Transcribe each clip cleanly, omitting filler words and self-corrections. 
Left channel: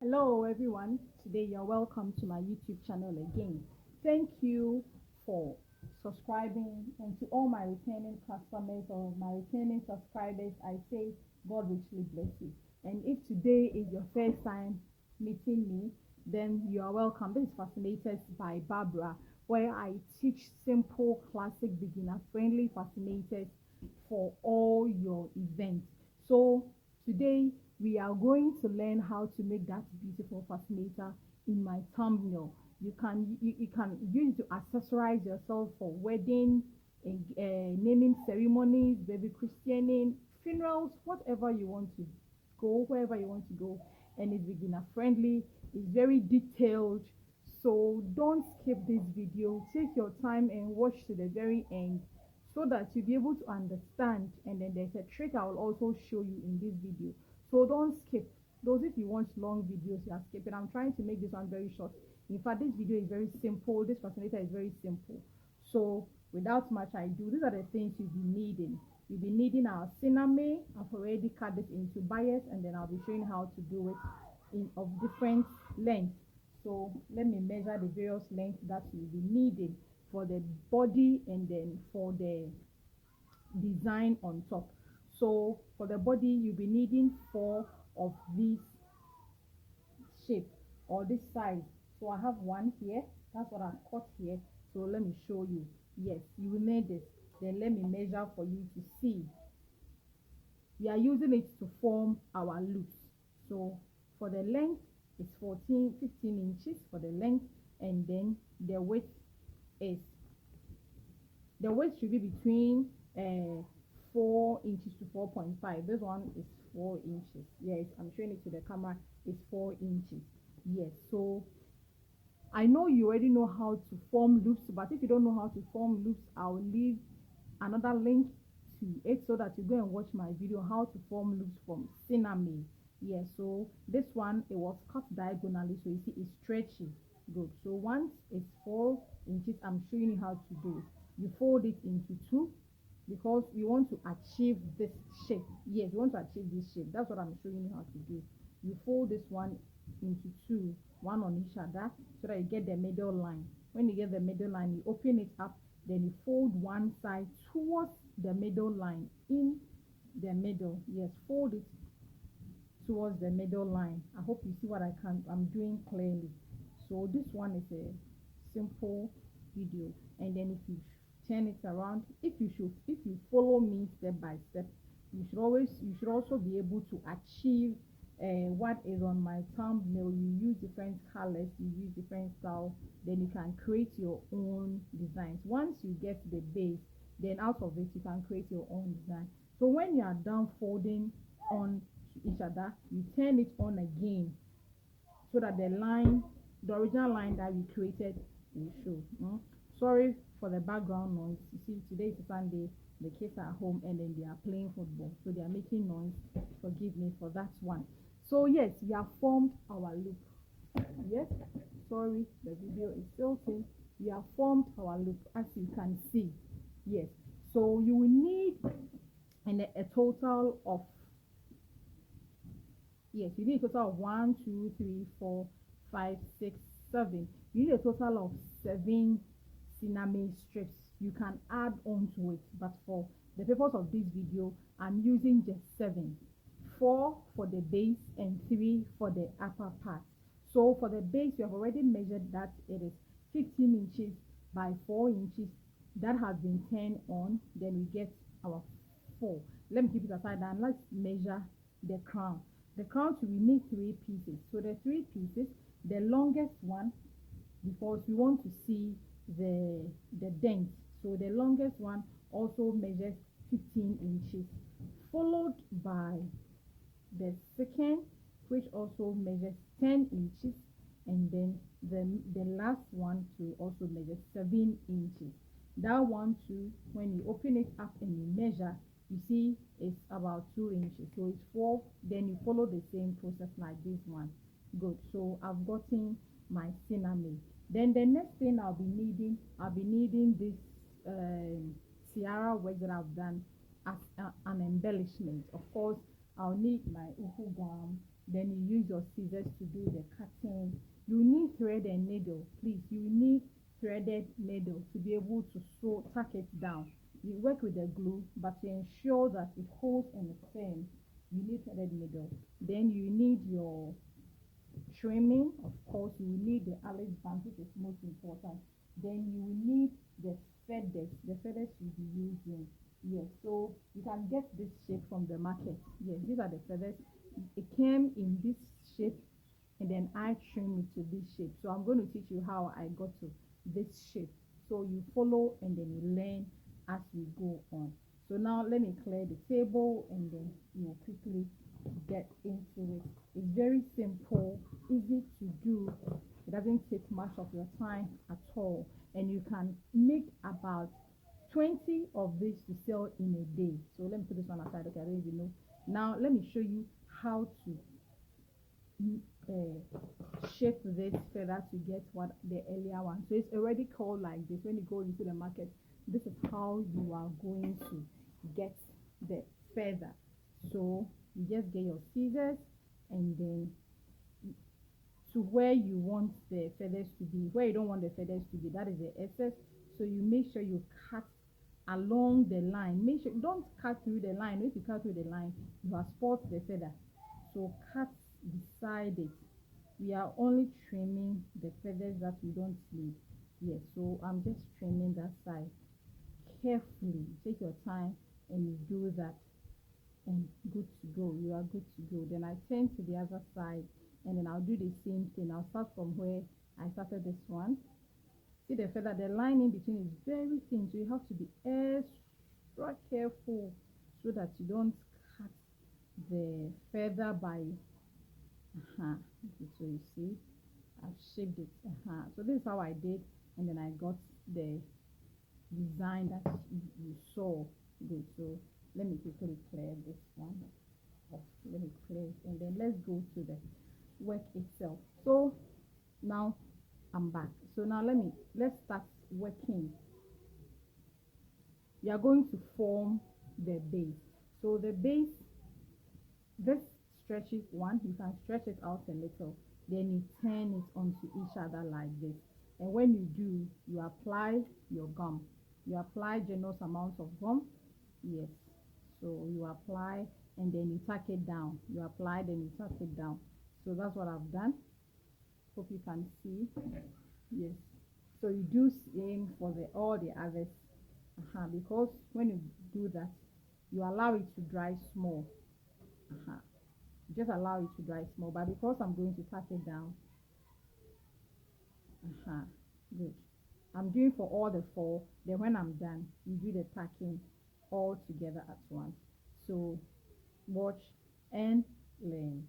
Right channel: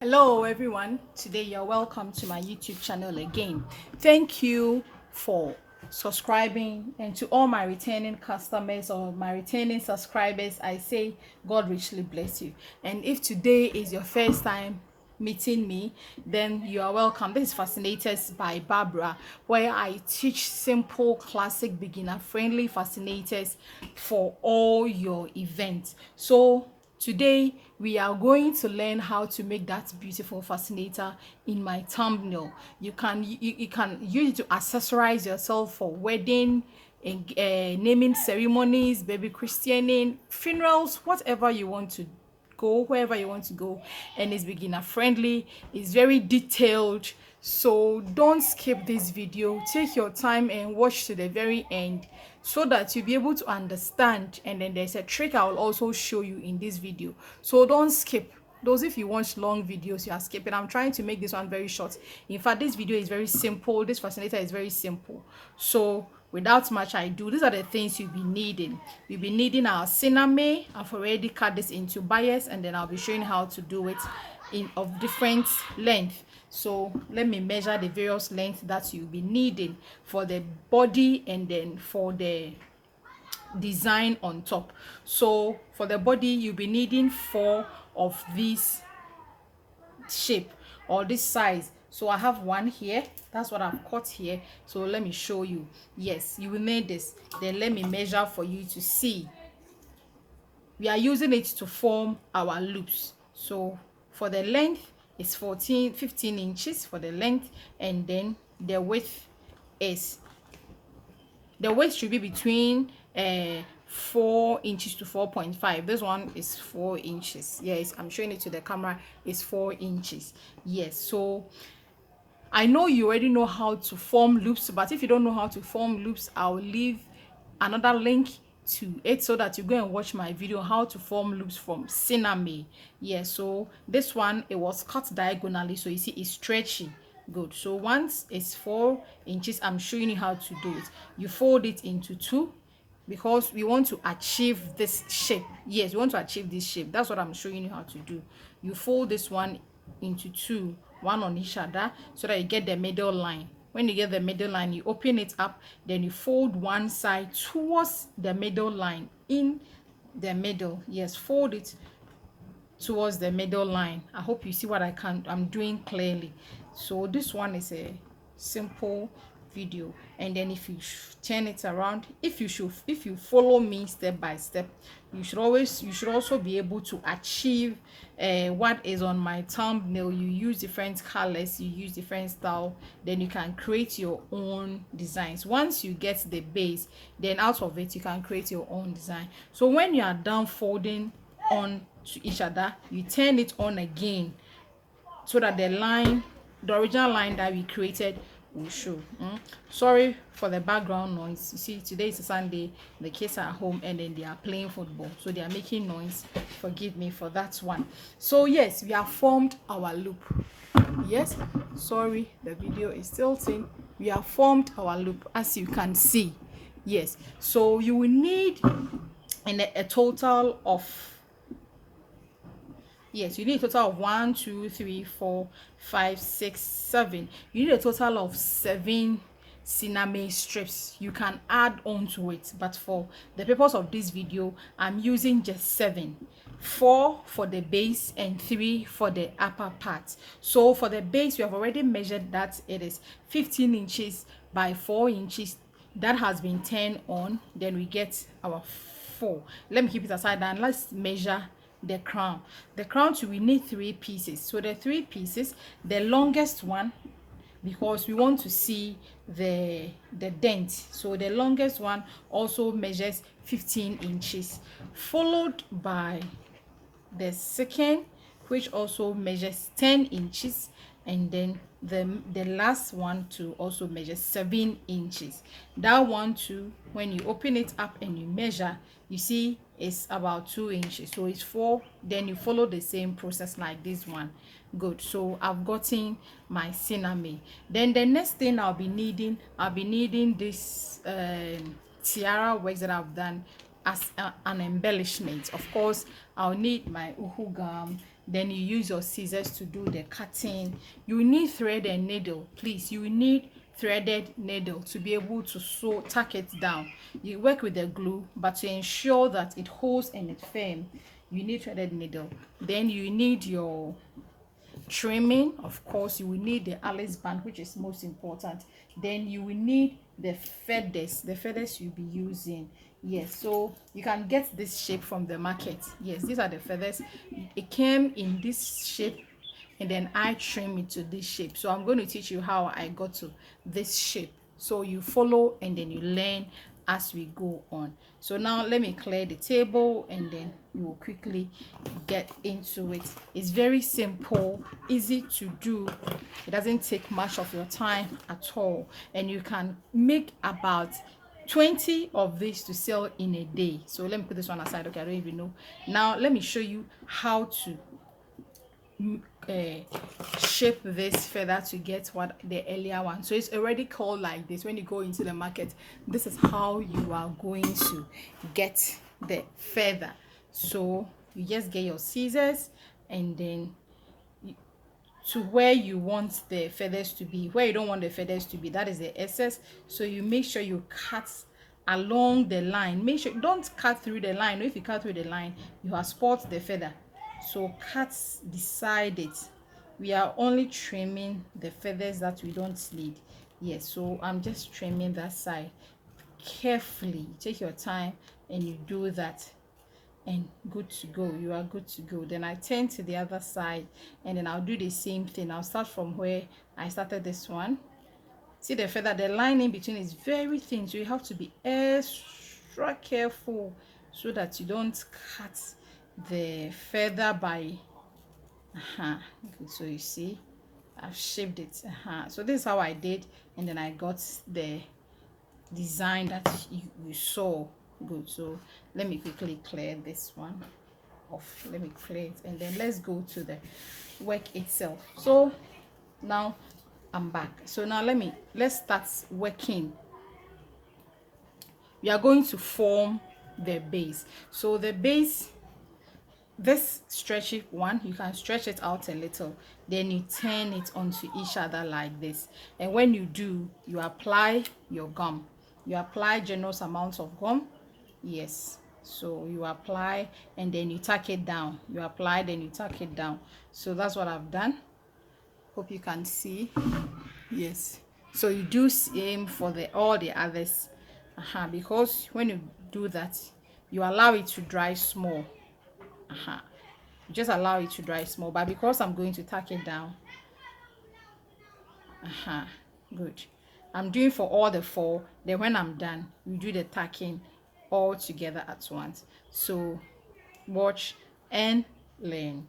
Hello everyone, today you're welcome to my YouTube channel again. Thank you for subscribing, and to all my returning customers or my returning subscribers, I say God richly bless you. And if today is your first time meeting me, then you are welcome. This is Fascinators by Barbara, where I teach simple, classic, beginner friendly fascinators for all your events. So today we are going to learn how to make that beautiful fascinator in my thumbnail. You can use it to accessorize yourself for wedding, naming ceremonies, baby christening, funerals, whatever you want to go, wherever you want to go. And it's beginner friendly, it's very detailed, so don't skip this video. Take your time and watch to the very end so that you'll be able to understand. And then there's a trick I will also show you in this video, so don't skip. Those, if you watch long videos, you are skipping. I'm trying to make this one very short. In fact, this video is very simple. This fascinator is very simple. So without much ado, these are the things you'll be needing. You'll be needing our cinnamon. I've already cut this into bias, and then I'll be showing how to do it in of different length. So let me measure the various lengths that you'll be needing for the body and then for the design on top. So for the body, you'll be needing 4 of these shape or this size. So I have one here, that's what I've cut here. So let me show you. Yes, you will need this. Then let me measure for you to see. We are using it to form our loops. So for the length, it's 15 inches for the length, and then the width is, the width should be between 4 inches to 4.5. This one is 4 inches. Yes, I'm showing it to the camera. It's 4 inches. Yes, so I know you already know how to form loops, but if you don't know how to form loops, I'll leave another link to it so that you go and watch my video how to form loops from cinnamon. Yes, so this one, it was cut diagonally, so you see it's stretchy. Good. So once it's 4 inches, I'm showing you how to do it. You fold it into 2 because we want to achieve this shape. Yes, we want to achieve this shape. That's what I'm showing you how to do. You fold this one into 2, one on each other, so that you get the middle line. When you get the middle line, you open it up, then you fold one side towards the middle line, in the middle. Yes, fold it towards the middle line. I hope you see what I'm doing clearly. So this one is a simple video, and then if you turn it around, if you follow me step by step, you should also be able to achieve what is on my thumbnail. You use different colors, you use different style, then you can create your own designs. Once you get the base, then out of it you can create your own design. So when you are done folding on to each other, you turn it on again so that the original line that we created will show. Sorry for the background noise. You see, today is a Sunday, the kids are at home, and then they are playing football, so they are making noise. Forgive me for that one. So yes, we have formed our loop. Yes, sorry, the video is tilting. We have formed our loop, as you can see. Yes, so you will need a total of, yes, you need a total of 1 2 3 4 5 6 7. You need a total of 7 cinnamon strips. You can add on to it, but for the purpose of this video, I'm using just 7. 4 for the base and 3 for the upper part. So for the base, we have already measured that it is 15 inches by 4 inches. That has been turned on. Then we get our 4. Let me keep it aside and let's measure the crown. The crown, too, we need 3 pieces. So the 3 pieces, the longest one, because we want to see the dent, so the longest one also measures 15 inches, followed by the second, which also measures 10 inches, and then the last one to also measure 7 inches. That one too, when you open it up and you measure, you see it's about 2 inches, so it's 4. Then you follow the same process like this one. Good. So I've gotten my cinnamon. Then the next thing I'll be needing this tiara works that I've done as an embellishment. Of course, I'll need my uhu gum, then you use your scissors to do the cutting. You need thread and needle, please. You need threaded needle to be able to sew, tack it down. You work with the glue, but to ensure that it holds and it's firm, you need threaded needle. Then you need your trimming. Of course, you will need the Alice band, which is most important. Then you will need the feathers you'll be using. Yes, so you can get this shape from the market. Yes, these are the feathers. It came in this shape, and then I trim it to this shape. So I'm going to teach you how I got to this shape, so you follow and then you learn as we go on. So now let me clear the table, and then you will quickly get into it. It's very simple, easy to do. It doesn't take much of your time at all, and you can make about 20 of these to sell in a day. So let me put this one aside. Okay, I don't even know. Now let me show you how to shape this feather to get what the earlier one. So it's already called like this. When you go into the market, this is how you are going to get the feather. So you just get your scissors, and then to where you want the feathers to be. Where you don't want the feathers to be, that is the excess. So you make sure you cut along the line. Make sure, don't cut through the line. If you cut through the line, you have spoiled the feather. So cut beside it. We are only trimming the feathers that we don't need. Yes, so I'm just trimming that side carefully. Take your time and you do that, and good to go. You are good to go. Then I turn to the other side, and then I'll do the same thing. I'll start from where I started this one. See the feather, the line in between is very thin, so you have to be extra careful so that you don't cut the feather by okay, so you see I've shaped it. So this is how I did, and then I got the design that you saw. Good. So let me quickly clear this one off. Let me clear it, and then let's go to the work itself. So now I'm back. So now let's start working. We are going to form the base. So the base, this stretchy one, you can stretch it out a little, then you turn it onto each other like this. And when you do, you apply your gum. You apply generous amounts of gum. Yes, so you apply and then you tack it down. You apply, then you tack it down. So that's what I've done. Hope you can see. Yes, so you do same for the all the others. Because when you do that, you allow it to dry small. Just allow it to dry small, but because I'm going to tack it down, good, I'm doing for all the four. Then when I'm done, we do the tacking all together at once. So watch and learn.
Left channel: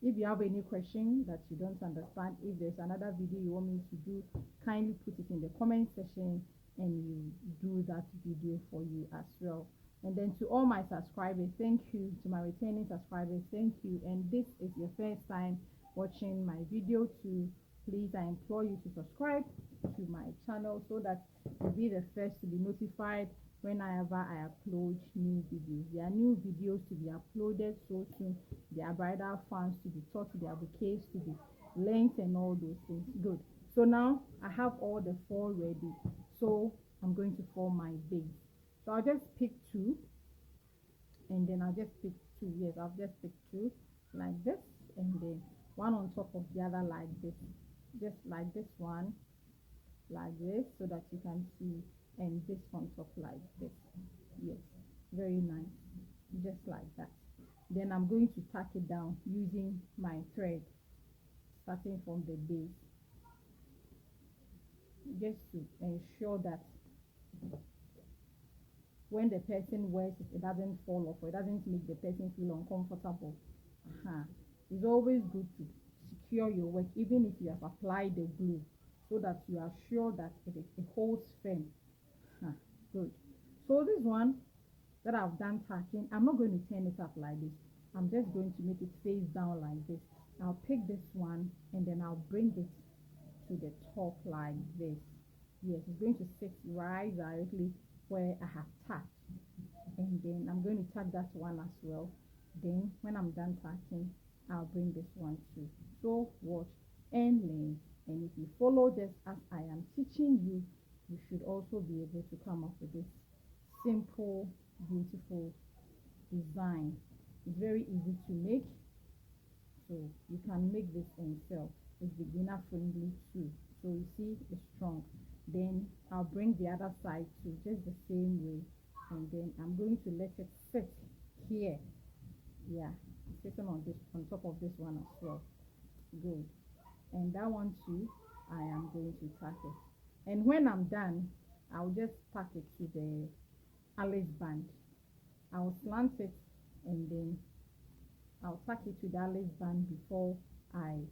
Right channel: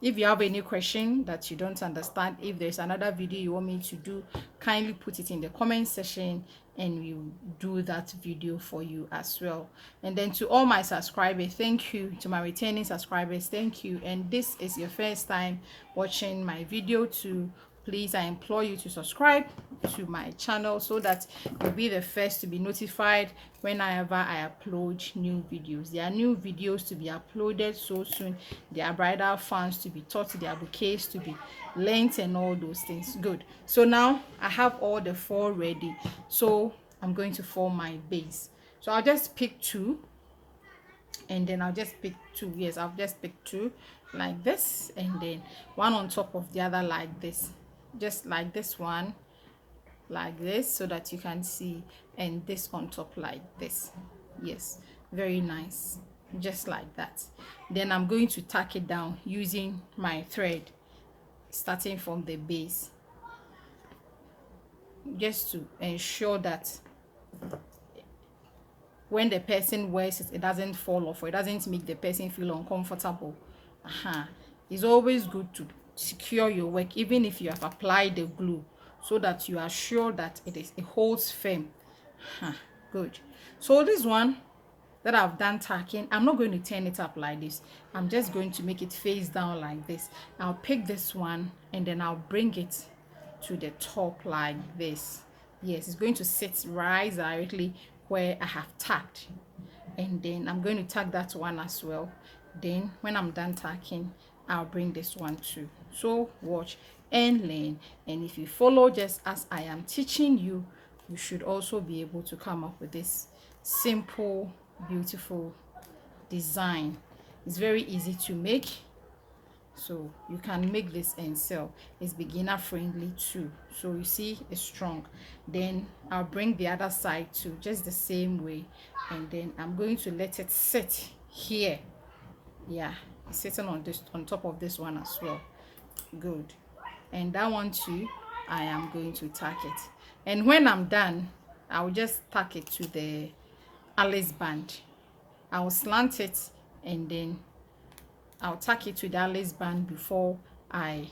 If you have any question that you don't understand, if there's another video you want me to do, kindly put it in the comment section and we'll do that video for you as well. And then to all my subscribers, thank you. To my returning subscribers, thank you. And this is your first time watching my video, too, please, I implore you to subscribe to my channel so that you'll be the first to be notified whenever I upload new videos. There are new videos to be uploaded so soon. There are bridal fans to be taught, there are bouquets to be learnt, and all those things. Good. So now I have all the four ready, so I'm going to form my base. So I'll just pick two, and then I'll just pick two. Yes, I'll just pick two like this, and then one on top of the other like this, just like this one like this, so that you can see, and this on top like this. Yes, very nice, just like that. Then I'm going to tack it down using my thread, starting from the base, just to ensure that when the person wears it, it doesn't fall off, or it doesn't make the person feel uncomfortable. It's always good to secure your work, even if you have applied the glue, so that you are sure that it holds firm. Good. So this one that I've done tacking, I'm not going to turn it up like this. I'm just going to make it face down like this. I'll pick this one, and then I'll bring it to the top like this. Yes, it's going to sit right directly where I have tacked, and then I'm going to tack that one as well. Then when I'm done tacking, I'll bring this one too. So watch and learn, and if you follow just as I am teaching you, you should also be able to come up with this simple, beautiful design. It's very easy to make, so you can make this and sell. It's beginner friendly too, so you see it's strong. Then I'll bring the other side too, just the same way, and then I'm going to let it sit here. Yeah, it's sitting on this, on top of this one as well. Good. And that one too, I am going to tack it, and when I'm done, I'll just tack it to the Alice band. I'll slant it, and then I'll tack it to the Alice band before I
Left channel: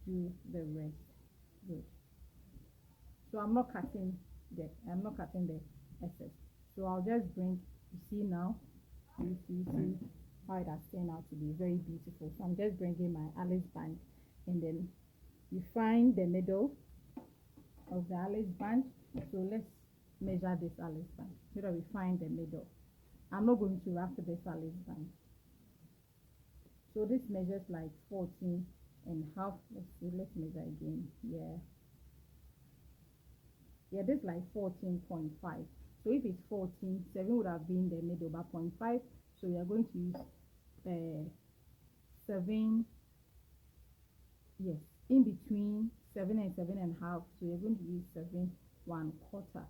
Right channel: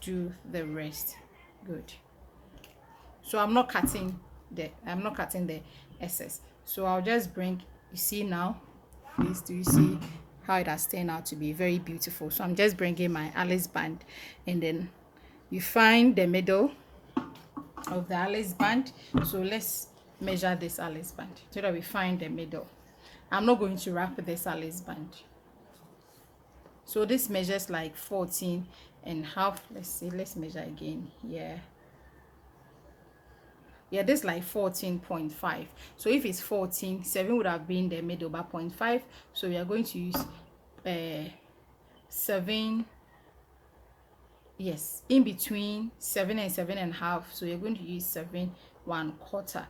do the rest. Good. So I'm not cutting the excess. So I'll just bring, you see now, please, do you see how it has turned out to be very beautiful? So I'm just bringing my Alice band, and then you find the middle of the Alice band. So let's measure this Alice band so that we find the middle. I'm not going to wrap this Alice band. So this measures like 14 and half. Let's see, let's measure again. Yeah, this like 14.5. So if it's 14, 7 would have been the middle, but 0.5. So we are going to use 7. Yes, in between 7 and 7.5. So you're going to use 7.25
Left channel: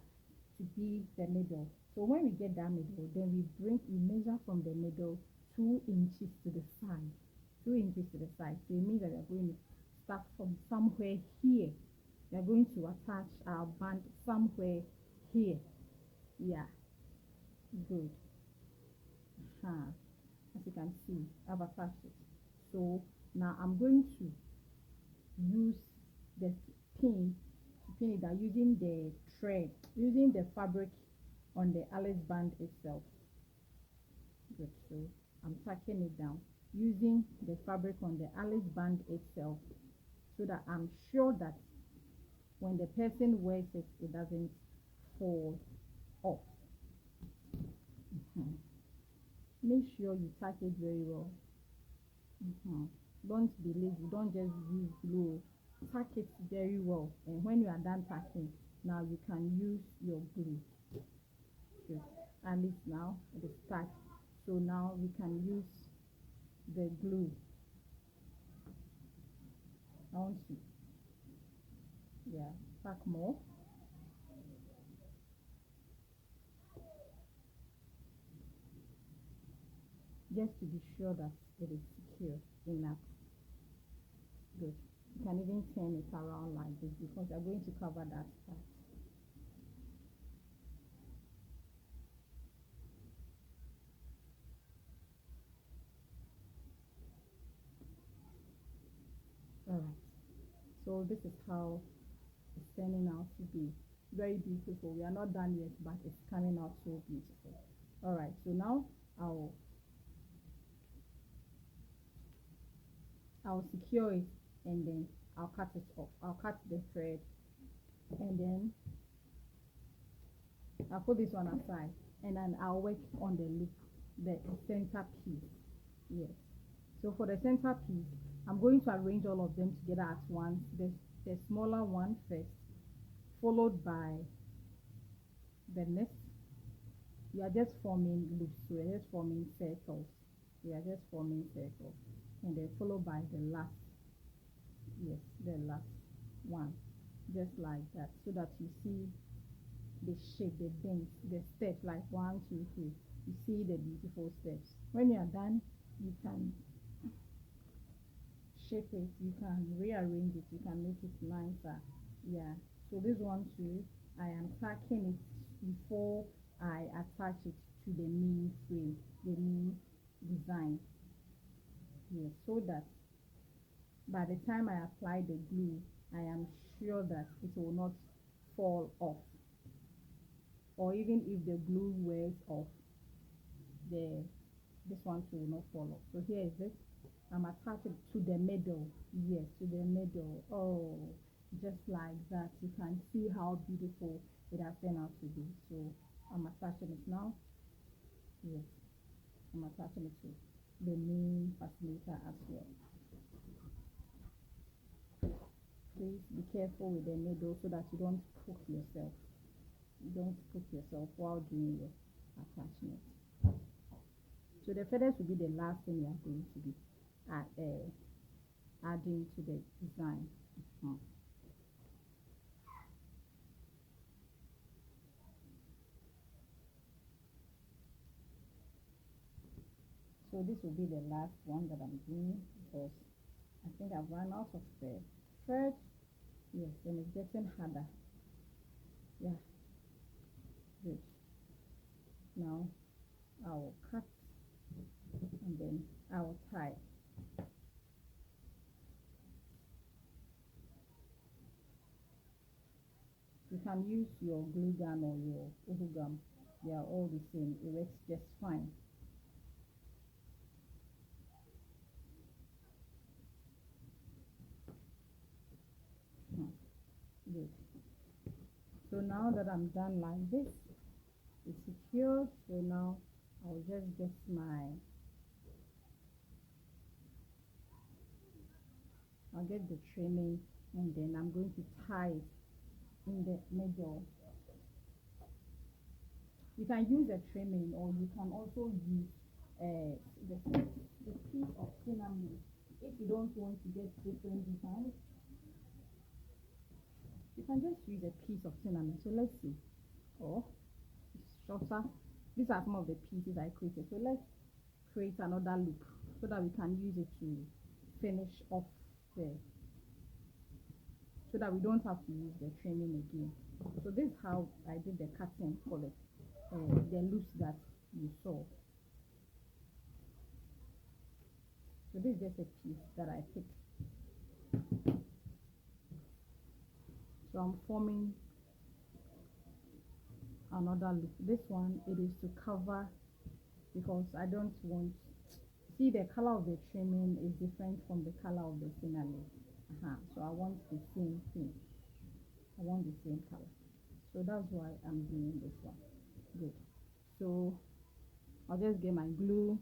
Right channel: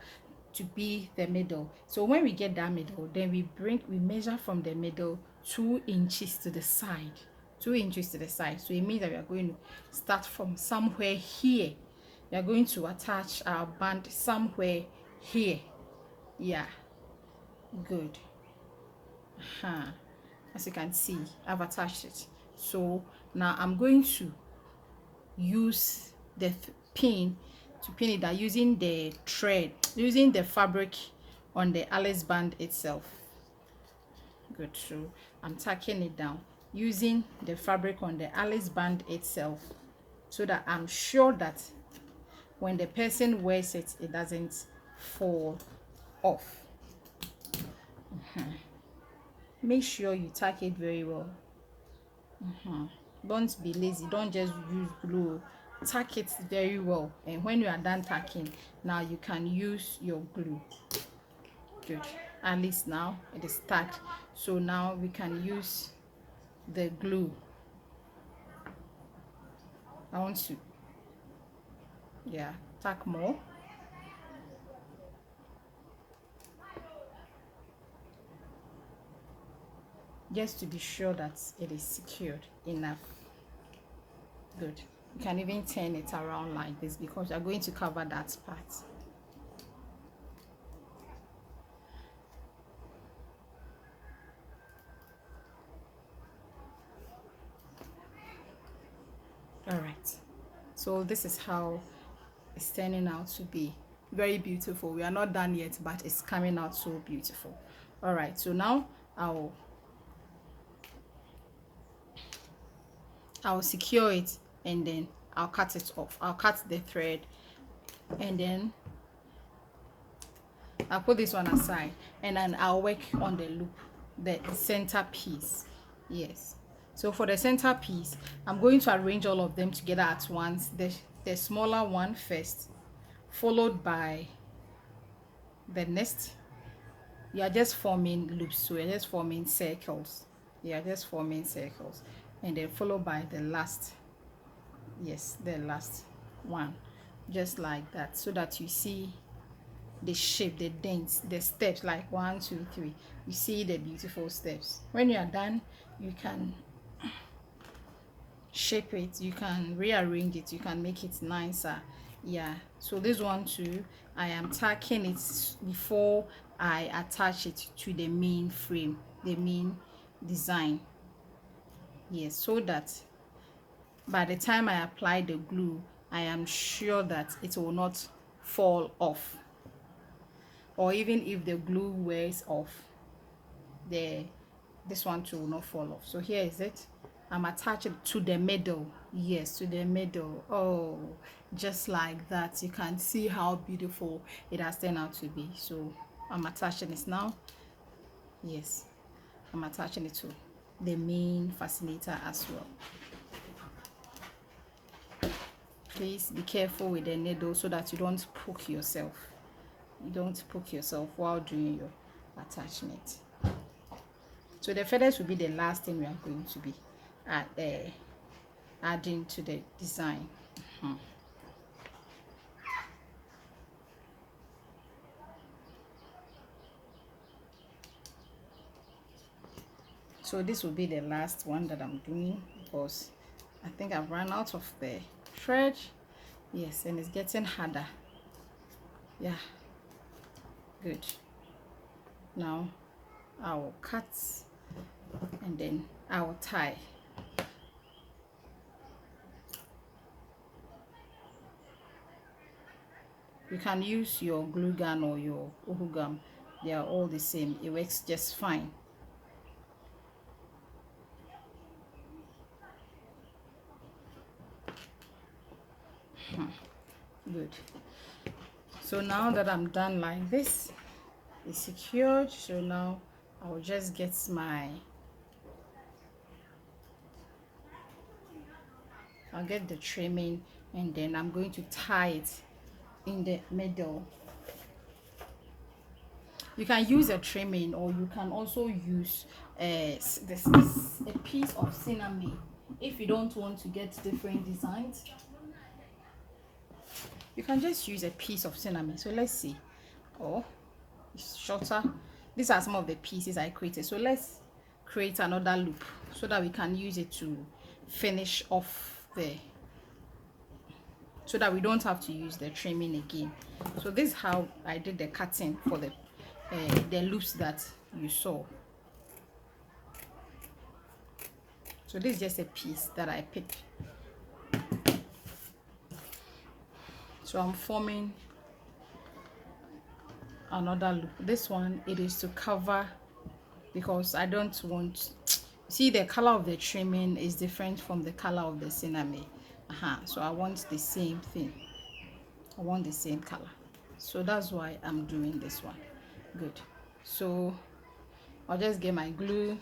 to be the middle. So when we get that middle, then we measure from the middle 2 inches to the side. 2 inches to the side. So it means that we are going to start from somewhere here. We are going to attach our band somewhere here. Yeah, good. As you can see, I've attached it. So now I'm going to use the pin to pin it down using the thread, using the fabric on the Alice band itself. Good. So I'm tacking it down using the fabric on the Alice band itself, so that I'm sure that when the person wears it, it doesn't fall off. Make sure you tack it very well. Don't be lazy, don't just use glue. Tack it very well, and when you are done tacking, now you can use your glue. Good. At least now it is tacked, so now we can use the glue. I want to tack more. Just to be sure that it is secured enough. Good. You can even turn it around like this, because you're going to cover that part. All right, so this is how it's turning out to be. Very beautiful. We are not done yet, but it's coming out so beautiful. All right, so now I'll secure it, and then I'll cut it off. I'll cut the thread, and then I'll put this one aside, and then I'll work on the loop, the center piece. Yes, so for the center piece, I'm going to arrange all of them together at once. The smaller one first, followed by the next. You are just forming loops, so you're just forming circles. You are just forming circles, and then followed by the last. Yes, the last one, just like that, so that you see the shape, the dents, the steps, like 1, 2, 3. You see the beautiful steps. When you are done, you can shape it, you can rearrange it, you can make it nicer. Yeah, so this one too, I am tacking it before I attach it to the main frame, the main design. Yes, so that by the time I apply the glue, I am sure that it will not fall off, or even if the glue wears off, this one too will not fall off. So here is it. I'm attaching to the middle. Yes, to the middle. Oh, just like that. You can see how beautiful it has turned out to be. So I'm attaching this now. Yes, I'm attaching it to the main fascinator as well. Please be careful with the needle so that you don't poke yourself. You don't poke yourself while doing your attachment. So the feathers will be the last thing we are going to be adding to the design. So this will be the last one that I'm doing, because I think I've run out of the thread. Yes, and it's getting harder. Yeah, good. Now I will cut and then I will tie. You can use your glue gun or your uhu gum. They are all the same. It works just fine. Good. So now that I'm done like this, it's secured. So now I'll just get I'll get the trimming, and then I'm going to tie it in the middle. You can use a trimming, or you can also use a piece of cinnamon if you don't want to get different designs. You can just use a piece of cinnamon. So let's see. Oh, it's shorter. These are some of the pieces I created. So let's create another loop so that we can use it to finish off so that we don't have to use the trimming again. So this is how I did the cutting for the loops that you saw. So this is just a piece that I picked. So I'm forming another loop. This one, it is to cover, because I don't want, see, the color of the trimming is different from the color of the cinnamon. So I want the same thing. I want the same color. So that's why I'm doing this one. Good. So I'll just get my glue.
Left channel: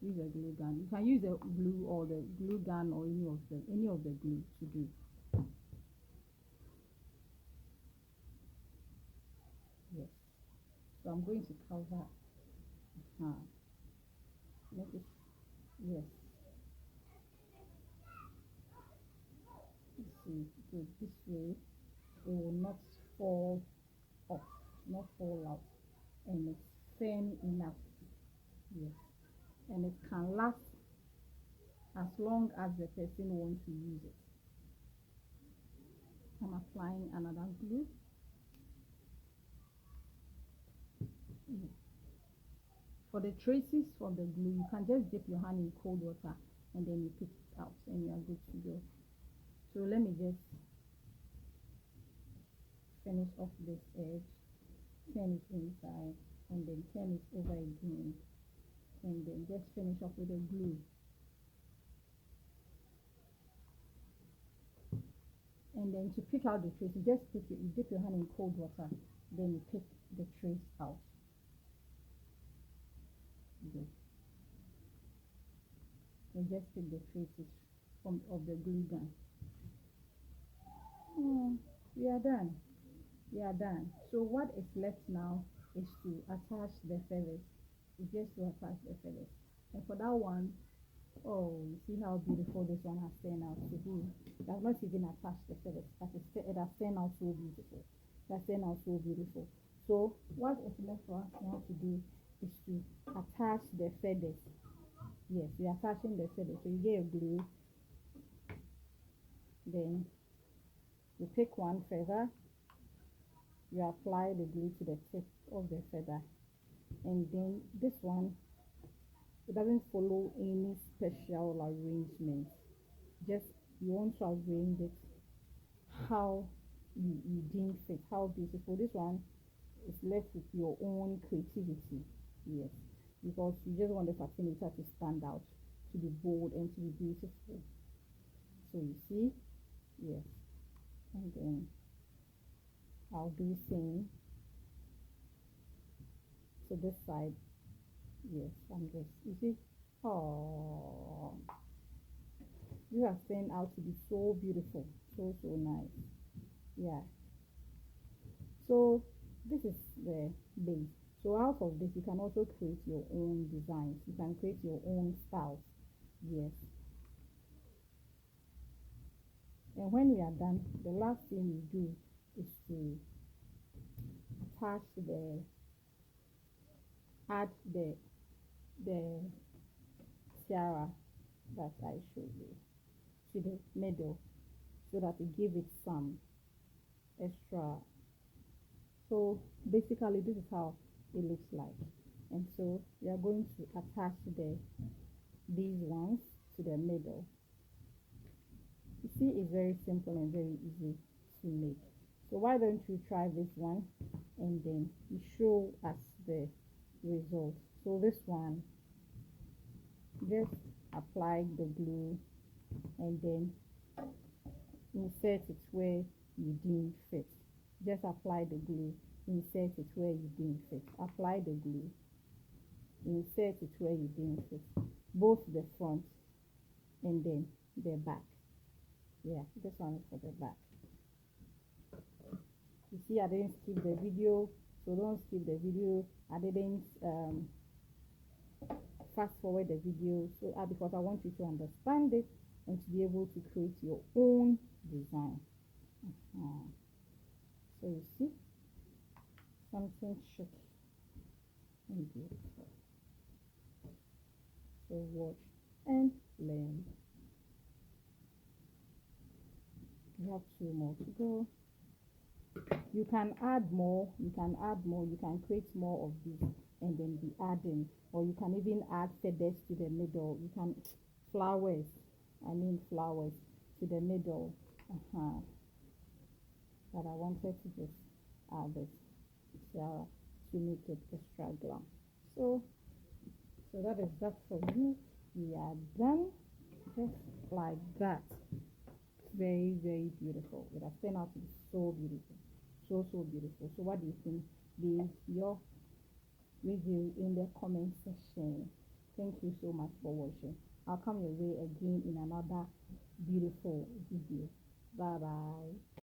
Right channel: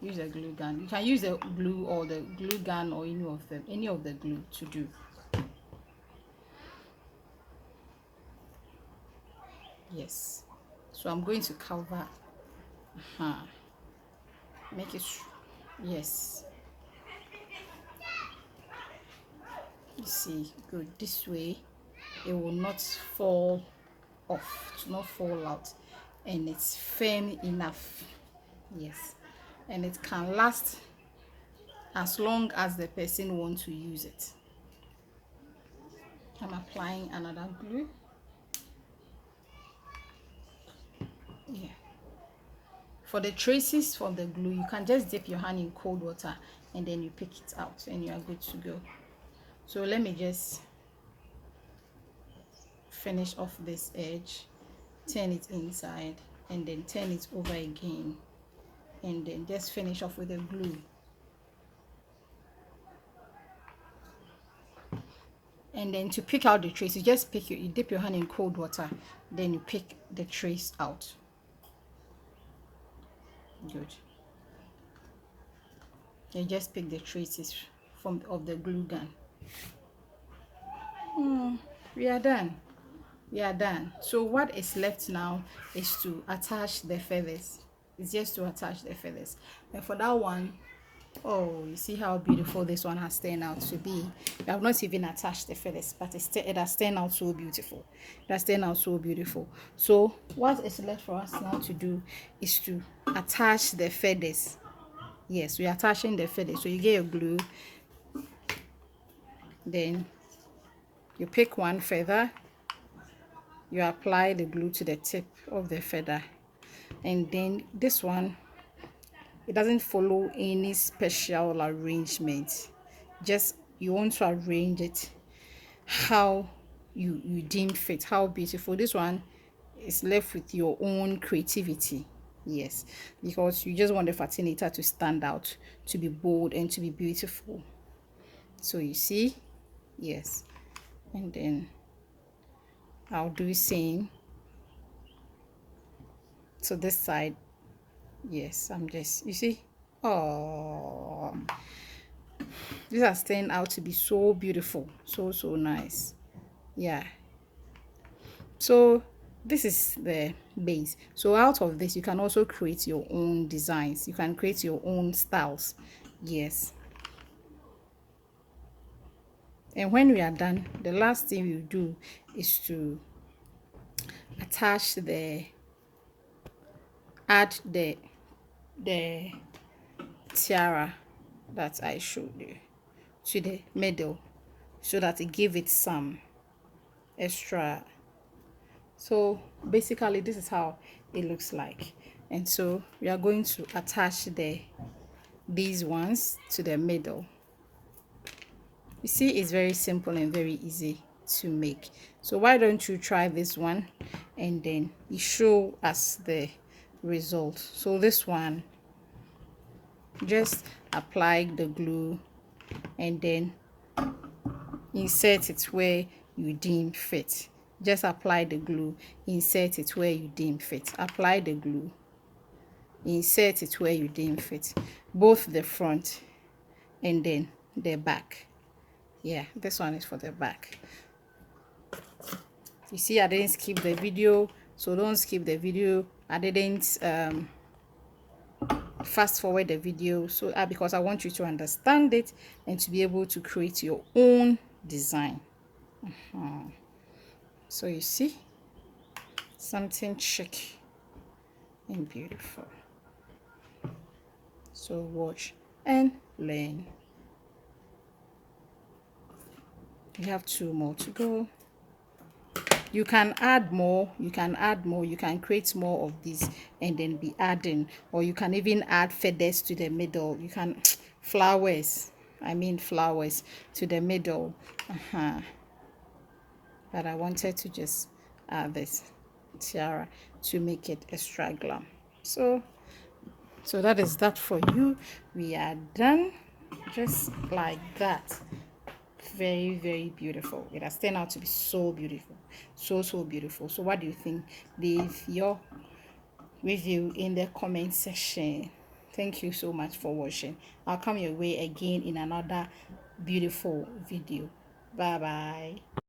Use a glue gun. You can use the glue or the glue gun or any of the glue to do. Yes. So I'm going to cover. Make it. Yes. You see, good. This way, it will not fall off. To not fall out, and it's firm enough. Yes, and it can last as long as the person wants to use it. I'm applying another glue. Yeah. For the traces from the glue, you can just dip your hand in cold water and then you pick it out and you are good to go. So let me just finish off this edge, turn it inside, and then turn it over again, and then just finish off with the glue. And then to pick out the trace, you just you dip your hand in cold water, then you pick the trace out. Good. You just pick the traces of the glue gun. We are done. We are done. So what is left now is to attach the feathers. It's just to attach the feathers. And for that one, oh, you see how beautiful this one has turned out to be. I have not even attached the feathers, but it has turned out so beautiful. It has turned out so beautiful. So what is left for us now to do is to attach the feathers. Yes, we are attaching the feathers. So you get your glue, then you pick one feather, you apply the glue to the tip of the feather, and then this one, it doesn't follow any special arrangement. Just you want to arrange it how you deem fit, how beautiful. This one is left with your own creativity. Yes, because you just want the fascinator to stand out, to be bold, and to be beautiful. So you see, yes, and then I'll do the same to this side Yes, I'm just, you see, oh, this has turned out to be so beautiful, so nice. Yeah, so this is the base. So out of this you can also create your own designs, you can create your own styles. Yes, and when we are done, the last thing you do is to attach the add the tiara that I showed you to the middle, so that it give it some extra. So basically this is how it looks like. And so we are going to attach these ones to the middle. You see, it's very simple and very easy to make. So why don't you try this one and then you show us the result. So this one, just apply the glue and then insert it where you deem fit. Just apply the glue, insert it where you deem fit. Apply the glue, insert it where you deem fit. Both the front and then the back. Yeah, this one is for the back. You see, I didn't skip the video, so don't skip the video. I didn't fast forward the video, so because I want you to understand it and to be able to create your own design. So you see, something chic and beautiful. So watch and learn. You have 2 more to go. You can add more, you can add more, you can create more of this and then be adding, or you can even add feathers to the middle. You can flowers, I mean flowers to the middle. But I wanted to just add this tiara to make it extra glam. So that is that for you. We are done, just like that. Very beautiful. It has turned out to be so beautiful, so beautiful. So what do you think? Leave your review in the comment section. Thank you so much for watching. I'll come your way again in another beautiful video. Bye bye.